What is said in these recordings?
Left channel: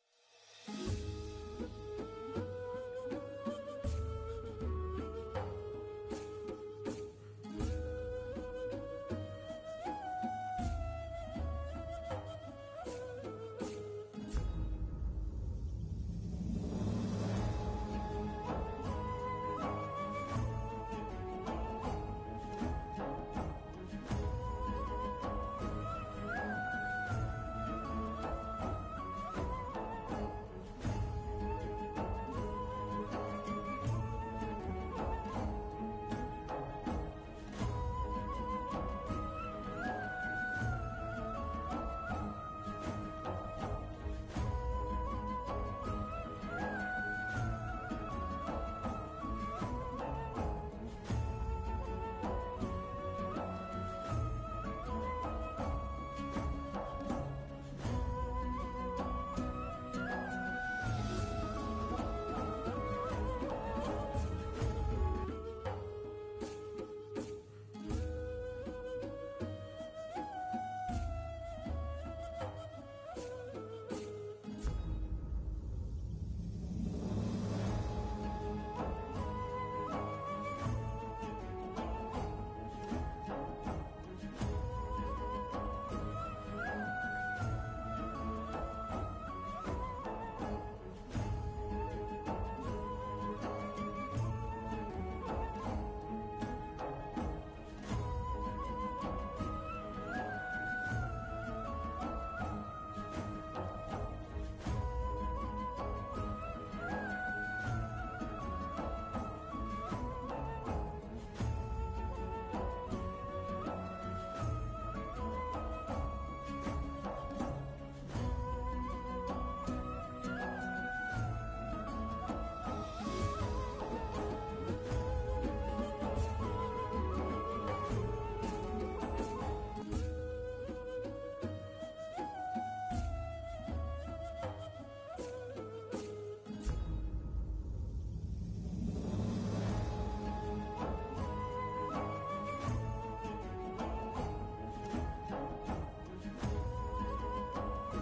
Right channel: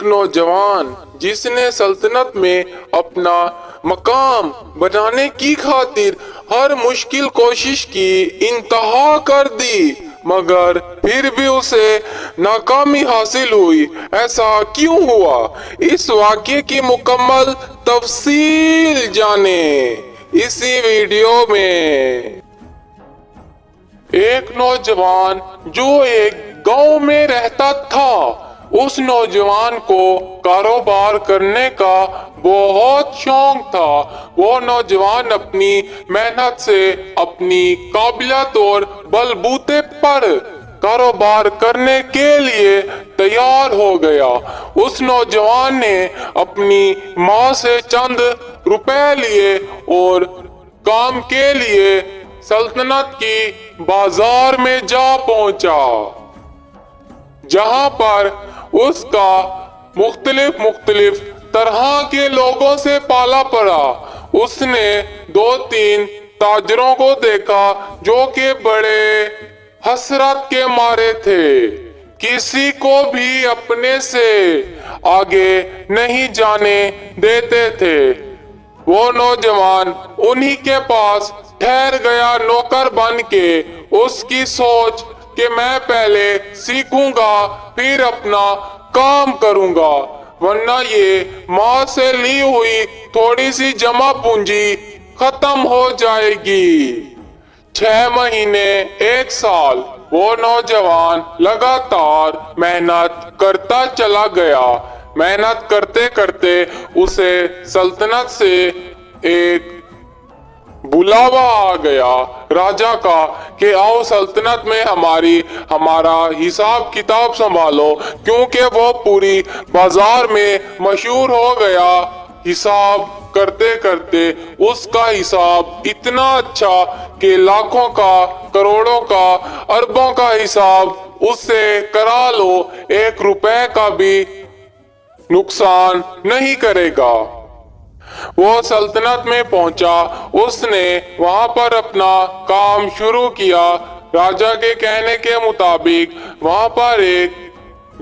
ایک نوجوان جس نے سلطنت میں اپنا مقام بنانے کی خاطر ہر مشکل کوشش کی انتہا کر دی، مگر پھر بھی اسے ناکامی حاصل ہوئی۔ ایسا کیوں ہوا؟ اس واقعے کی مکمل تفصیل جانیں اسی ویڈیو میں۔ ایک نوجوان جو ایک گاؤں میں رہتا تھا، اس نوجوان کو کاروبار کرنے کا بہت شوق تھا۔ وہ نوجوان اپنی محنت سے اپنی قابلیت اور بلبوتے پر کاروبار کرنے کے لیے تیار ہو گیا۔ اس نوجوان نے اپنی ماں سے چند روپے لیے اور کام کے لیے سلطنت کی بازار میں جا پہنچا، جہاں پر اس کا مختلف طرح کے لوگوں سے پالا پڑا۔ اس نے 2-3 تاجروں کو دیکھا جو کہ بڑے حسرت کے مارے تھے، کسی کو بھی اپنے سے آگے نہیں جانے دیتے تھے۔ وہ نوجوان انہی کے پاس ٹھہر گیا نوکر بن کے۔ اس کی سوچ کہ میں پہلے سیکھوں گا پھر اپنا کام کروں گا، ورنہ یہ ماں سے لی ہوئی تھوڑی سی جمع پونجی ختم ہو جائے گی۔ 6 مہینے، 1 سال وہ نوجوان لگاتار محنت کرتا چلا گیا۔ محنت کرتے کرتے اسے سلطنت سے ایک بلاوا آ گیا راجا کا کہ آؤ سلطنت میں ہمارا حساب کتاب سنبھالو، کیونکہ وہ پوری بازار میں مشہور ہو گیا۔ حساب کرتے کرتے اس کا حساب اتنا اچھا کہ لاکھوں کا، کروڑوں کا، اربوں کا حساب اس سے کرا لو، 1 روپے کا بھی نقصان نہیں کرے گا۔ وہ سلطنت میں پہنچا، اس نے وہاں پر اپنا کام شروع کیا۔ راجا کے کہنے کے مطابق وہاں پر ایک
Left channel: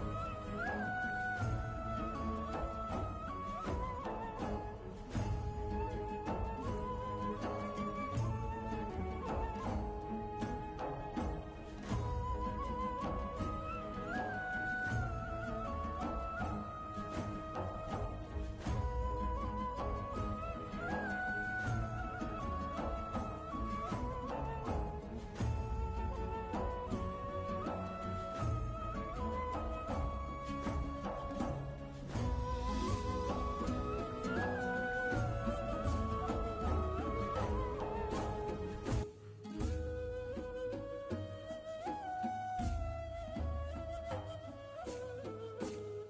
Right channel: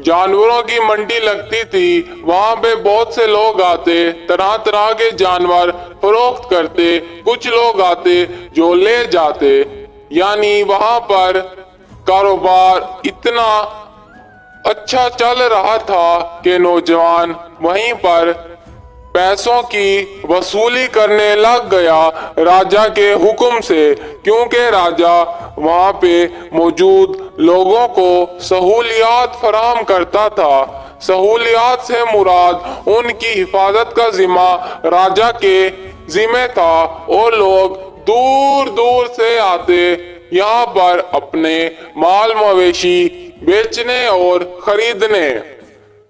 جانوروں کی منڈی لگتی تھی۔ وہاں پہ بہت سے لوگ آتے، طرح طرح کے جانور فروخت کرتے، کچھ لوگ آتے جو لے جاتے، یعنی وہاں پر کاروبار اتنا اچھا چل رہا تھا کہ نوجوان وہیں پر پیسوں کی وصولی کرنے لگ گیا راجا کے حکم سے، کیونکہ راجا وہاں پہ موجود لوگوں کو سہولیات فراہم کرتا تھا۔ سہولیات سے مراد ان کی حفاظت کا ذمہ راجا کے ذمہ تھا، اور لوگ دور دور سے آتے یہاں پر اپنے مال مویشی بیچنے اور خریدنے۔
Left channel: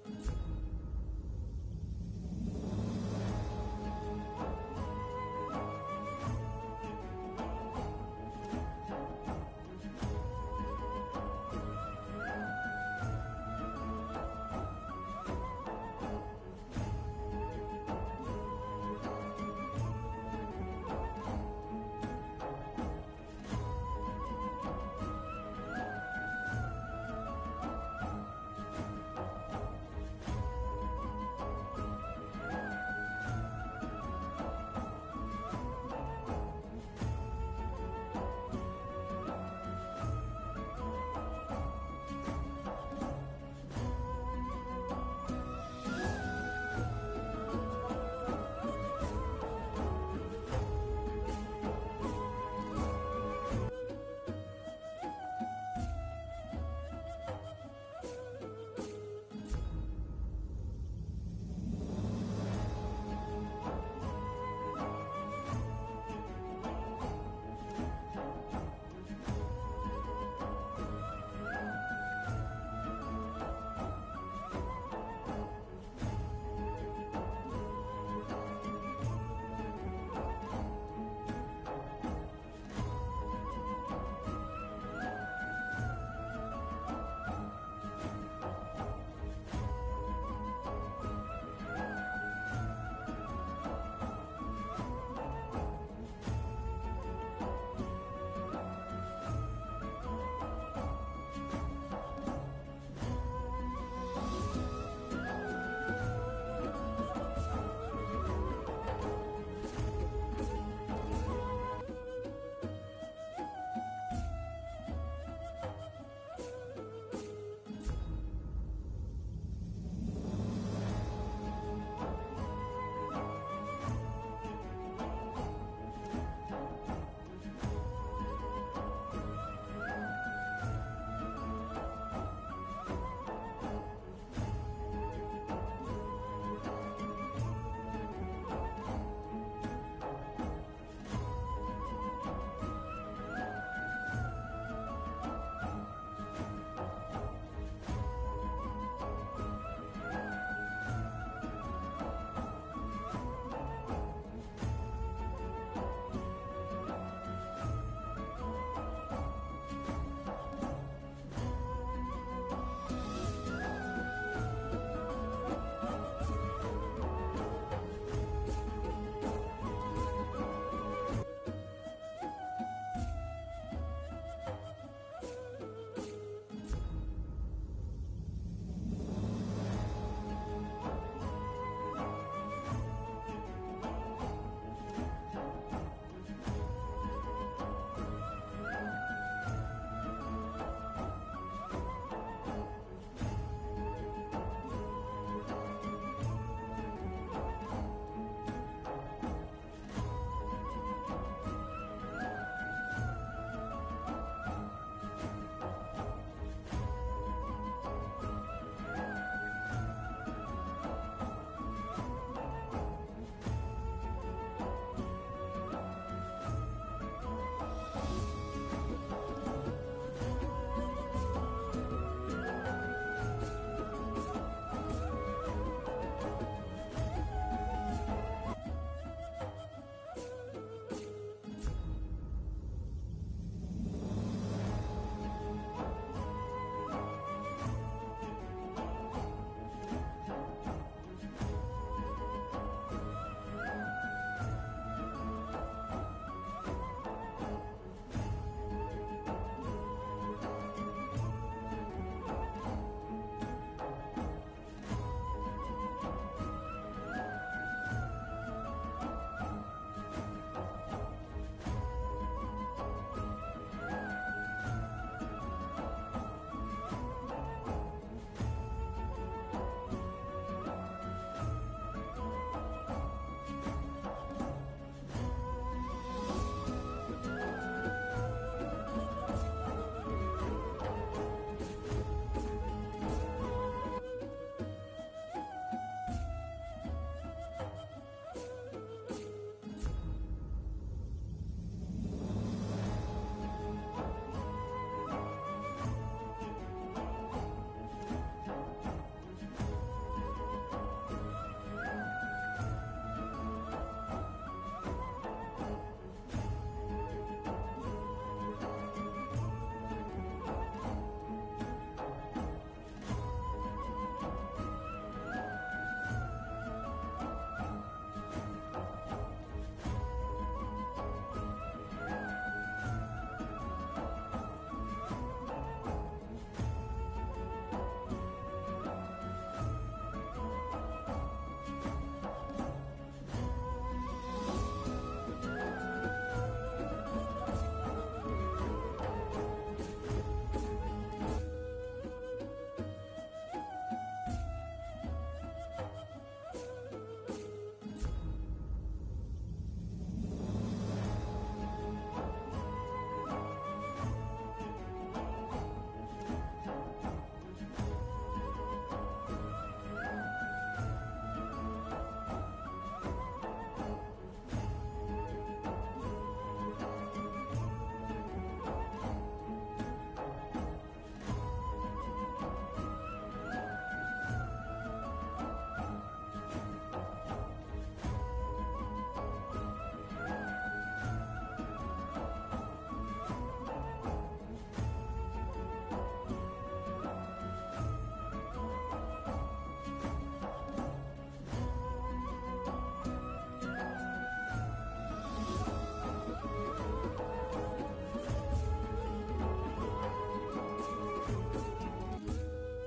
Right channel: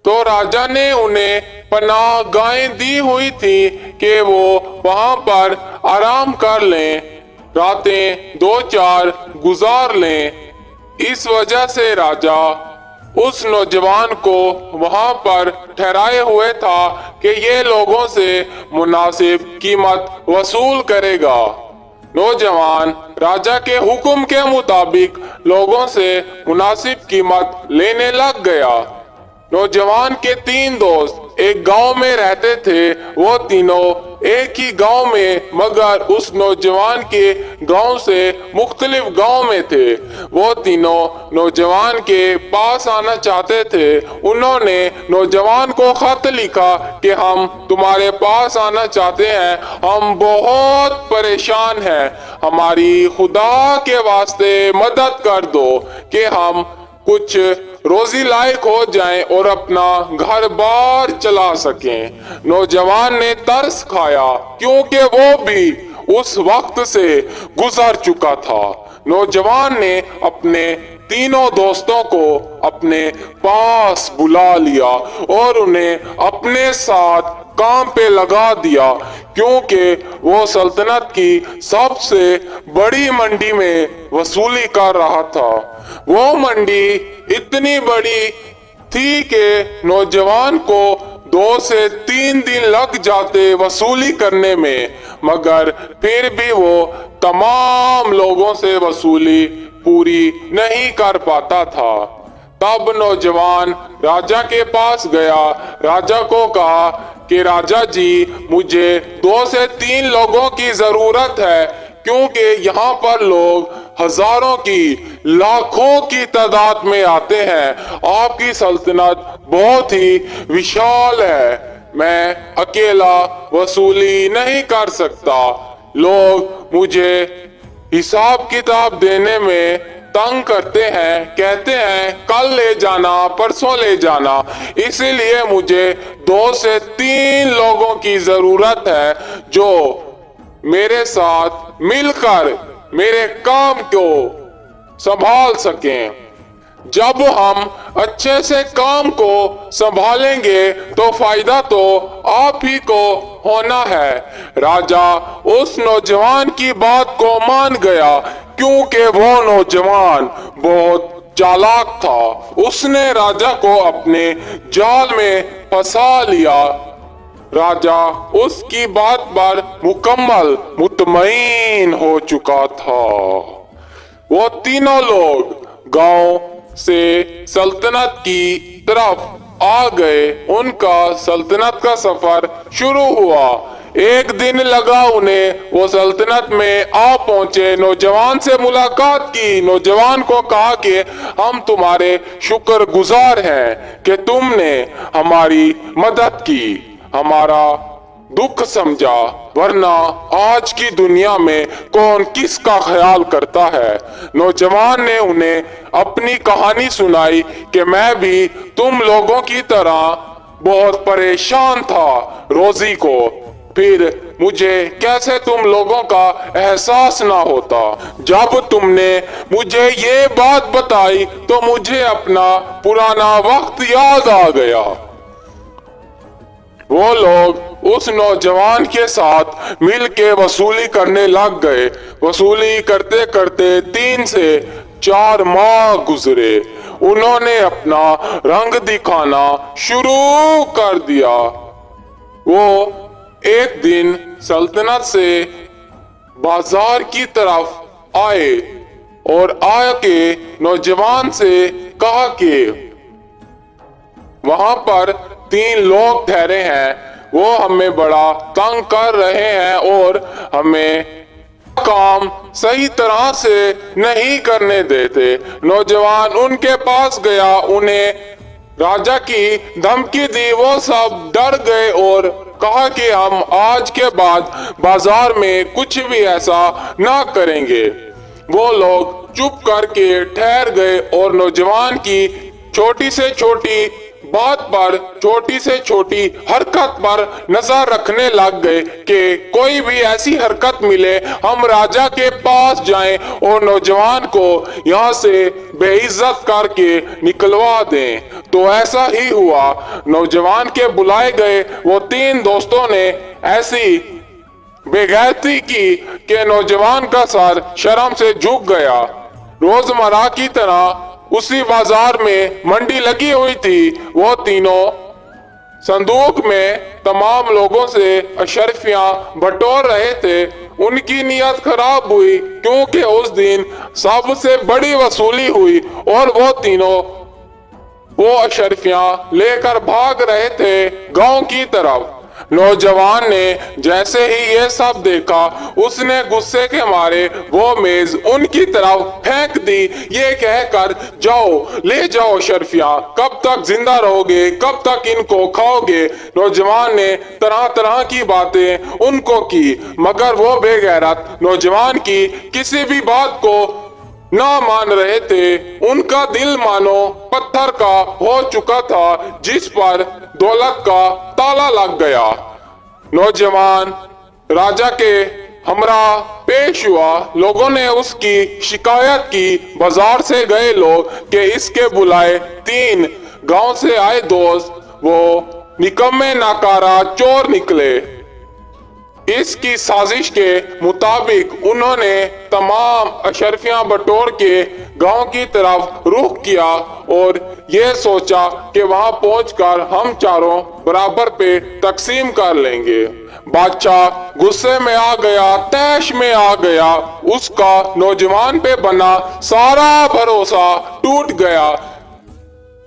تو راجا نے انہیں پناہ گاہیں دی ہوئی تھی کہ وہ وہاں پر آرام کر لیں، راتیں 2-4 گزار لیں۔ اس وجہ سے راجا اس نوجوان کو وہاں پر ٹھہرائے ہوئے تھا کہ یہ لوگوں سے مناسب قیمت وصول کرے گا۔ نوجوان راجا کے حکم کے مطابق لوگوں سے مناسب قیمت لینے لگ گیا۔ نوجوان کے 3 دوست ایک گاؤں میں رہتے تھے۔ وہ تینوں ایک ہی گاؤں میں، مگر اس نوجوان کے گاؤں سے مختلف گاؤں میں تھے۔ وہ تینوں نوجوان کے پاس آنا چاہتے تھے۔ انہوں نے نوجوان کو خط لکھا کہ ہم تمہارے پاس آنا چاہتے ہیں، ہم بہت پریشان ہیں، ہماری خدا کے واسطے مدد کر دو کہ ہم کچھ روزی لائق ہو جائیں اور اپنا گھر بار چلا سکیں۔ نوجوان نے ترس کھایا، کیونکہ وہ بھی اس وقت سے گزر چکا تھا۔ نوجوان نے اپنے تینوں دوستوں کو اپنے پاس بلا لیا اور انہیں اپنے ساتھ کام پہ لگا دیا، کیونکہ وہ سلطنت کی سب سے بڑی منڈی میں وصولی کر رہا تھا۔ وہ منڈی اتنی بڑی تھی کہ نوجوان کو 2 سے 3 دن لگ جاتے وصولی کرنے میں، مگر پھر بھی وہ تمام لوگوں سے وصولی پوری نہیں کر پاتا تھا۔ تب نوجوان राजा के पास गया। राजा को कहा कि राजा जी, मुझे 2 से 3 लोगों की जरूरत है, क्योंकि यहाँ पर लोग हजारों की, लाखों की तादाद में आते हैं। आपकी सल्तनत बहुत ही विशाल है, मैं अकेला वसूली नहीं कर सकता। लोग मुझे हिसाब किताब देने में तंग करते हैं, कहते हैं कल ले जाना, परसों ले जाना। इसीलिए मुझे 2 से 3 लोगों की जरूरत है जो मेरे साथ मिलकर मेरे काम को संभाल सकें। जब हम अच्छे से काम को संभालेंगे तो फायदा तो आप ही को होना है। राजा उस नौजवान की बात को मान गया, क्योंकि वो नौजवान बहुत चालाक था। उसने राजा को अपने जाल में फंसा लिया। राजा उसकी बात पर मुकम्मल मुतमईन हो चुका था। वो तीनों लोग गांव से सल्तनत की तरफ आ गए। उनका सल्तनत का सफर शुरू हुआ। एक दिन लगा उन्हें। वो सल्तनत में आ पहुंचे, नौजवान से मुलाकात की। नौजवान को कहा कि हम तुम्हारे शुक्रगुजार हैं कि तुमने हमारी मदद की, हमारा दुख समझा, वरना आज की दुनिया में कौन किसका ख्याल करता है। नौजवान ने उन्हें अपनी कहानी सुनाई कि मैं भी तुम लोगों की तरह बहुत परेशान था रोजी को, फिर मुझे कैसे तुम लोगों का एहसास ना होता। जब तुमने मुझे ये बात बताई तो मुझे अपना पुराना वक्त याद आ गया। वो लोग उस नौजवान के साथ मिलके वसूली करने लग गए। वसूली करते करते 3 से 4 माह गुजरे। उन्होंने अपना रंग दिखाना शुरू कर दिया। वो एक दिन सल्तनत से बाजार की तरफ आए और आके नौजवान से कहा कि वहां पर 3 लोग ठहरे हैं, वो हमें बड़ा तंग कर रहे हैं और हमें काम सही तरह से नहीं करने देते। नौजवान उनके पास गया, उन्हें राजा की धमकी दी। वो सब डर गए और कहा कि हम आज के बाद बाजार में कुछ भी ऐसा ना करेंगे। वो लोग चुप करके ठहर गए और नौजवान की छोटी से छोटी बात पर, छोटी से छोटी हरकत पर नजर रखने लग गए कि कोई भी ऐसी हरकत मिले हम राजा के पास जाएं और नौजवान को यहाँ से बेइज्जत करके निकलवा दें। तो ऐसा ही हुआ। नौजवान के बुलाए गए वो 3 दोस्तों ने ऐसी बेगैरती की कि नौजवान का सर शर्म से झुक गया। रोजमर्रा की तरह उसी बाजार में मंडी लगी हुई थी। वो तीनों संदूक में तमाम लोगों से अशर्फियां बटोर रहे थे। उनकी नीयत खराब हुई, क्योंकि उस दिन सबसे बड़ी वसूली हुई और वो तीनों वो अशर्फियां लेकर भाग रहे थे गांव की तरफ। नौजवान ने जैसे ही ये सब देखा, उसने गुस्से के मारे वो मेज उनकी तरफ फेंक दी, ये कहकर जाओ ले जाओ शर्फिया, कब तक जिंदा रहोगे, कब तक इनको खाओगे। नौजवान ने तरह तरह की बातें उनको की, मगर वो बेगैरत नौजवान की किसी भी बात को ना मान रहे थे। उनका दिल मानो पत्थर का हो चुका था, जिस पर दौलत का ताला लग गया। नौजवान राजा के हमरा पेश हुआ। लोगों ने उसकी शिकायत की। बाजार से गए लोग कि इसके बुलाए 3 गांव से आए दोस्त वो निकम्मे नाकारा चोर निकले। इसकी साजिश के मुताबिक उन्होंने तमाम अशर्फियां बटोर के गांव की तरफ रुख किया और ये सोचा कि वहां पहुंचकर हम चारों बराबर पे तकसीम कर लेंगे। बादशाह गुस्से में आ गया, तैश में आ गया। उसका नौजवान पे बना सारा भरोसा टूट गया।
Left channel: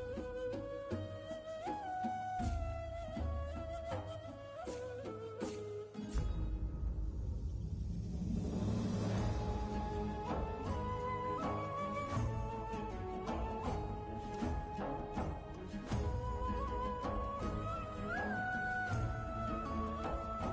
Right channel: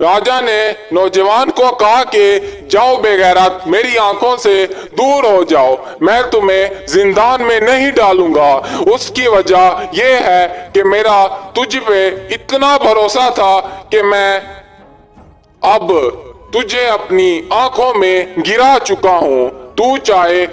राजा ने नौजवान को कहा कि जाओ बेगैरत, मेरी आंखों से दूर हो जाओ, मैं तुम्हें जिंदान में नहीं डालूंगा। उसकी वजह यह है कि मेरा तुझ पे इतना भरोसा था कि मैं अब तुझे अपनी आंखों में गिरा चुका हूँ। तू चाहे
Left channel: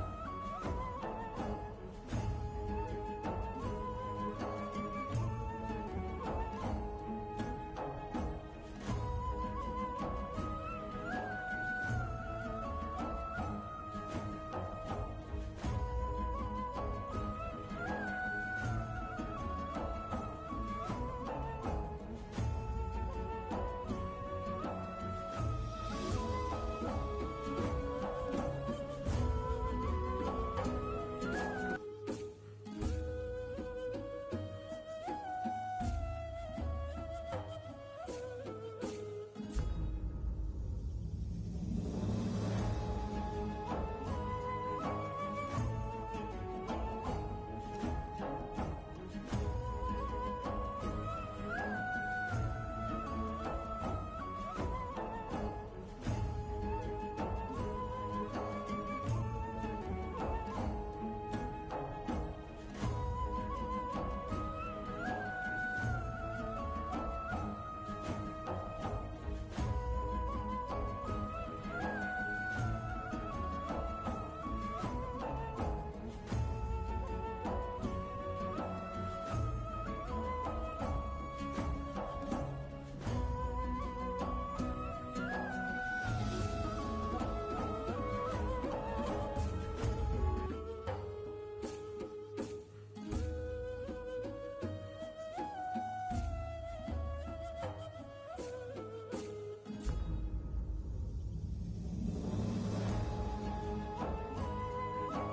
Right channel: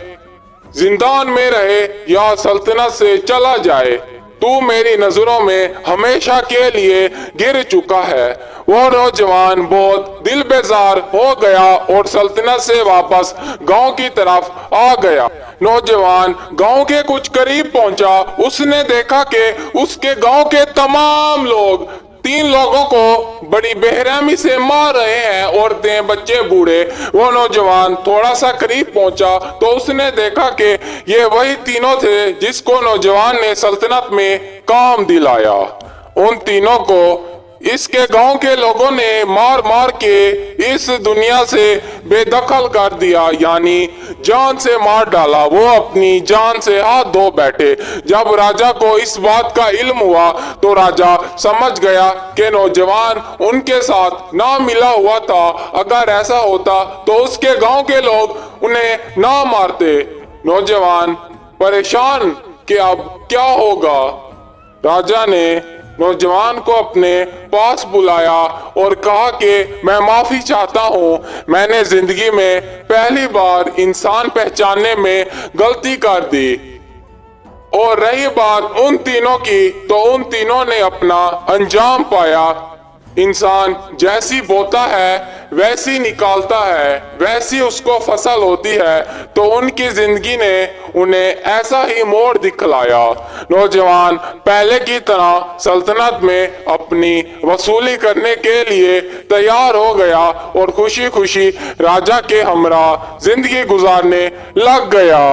जिंदान में रहे या सल्तनत से चला जाए, तू मेरी नजरों में हमेशा के लिए गिर चुका है। वो नौजवान बहुत दिल बेजार हो गया और सल्तनत से वापस गांव की तरफ आ गया। नौजवान गांव के कुछ करीब पहुंचा। उसने देखा कि उसके गांव के तमाम लोग 3 लोगों को बड़ी बेरहमी से मार रहे हैं, औरतें, बच्चे, बूढ़े। वो नौजवान थोड़ा सा करीब पहुंचा तो उसने देखा कि ये वही तीनों थे जिसको नौजवान ने सल्तनत में काम दिलाया। उन तीनों को इसके गांव के लोगों ने मार मार के इस दुनिया से बेदखल कर दिया, यानी जान से मार डाला। वो अपनी जान से हाथ धो बैठे। जब राजा को इस बात का इल्म हुआ तो राजा समझ गया कि नौजवान उनके साथ ना मिला हुआ था। अगर ऐसा होता तो उसके गांव के लोग उन्हें ना मारते। नौजवान परेशान कि अब क्या होगा। राजा ने नौजवान को अपने पास बुलाया और कहा कि मैं माफी चाहता हूँ, मैंने जिंदगी में पहली बार इंसान पहचानने में गलती कर दी। और रही बात उन तीनों की, तो उन तीनों ने अपना अंजाम पाया। इंसान जैसी बोता है वैसी निकालता है, वैसी उसको फसल होती है। तो उनकी जिंदगी ने उन्हें ऐसा ही मोड़ दिखलाया। नौजवान पहले की तरह सल्तनत में अपनी वसूली करने के लिए तैयार हो गया और खुशी खुशी राजा के हमरा जिंदगी गुजारने लग गया।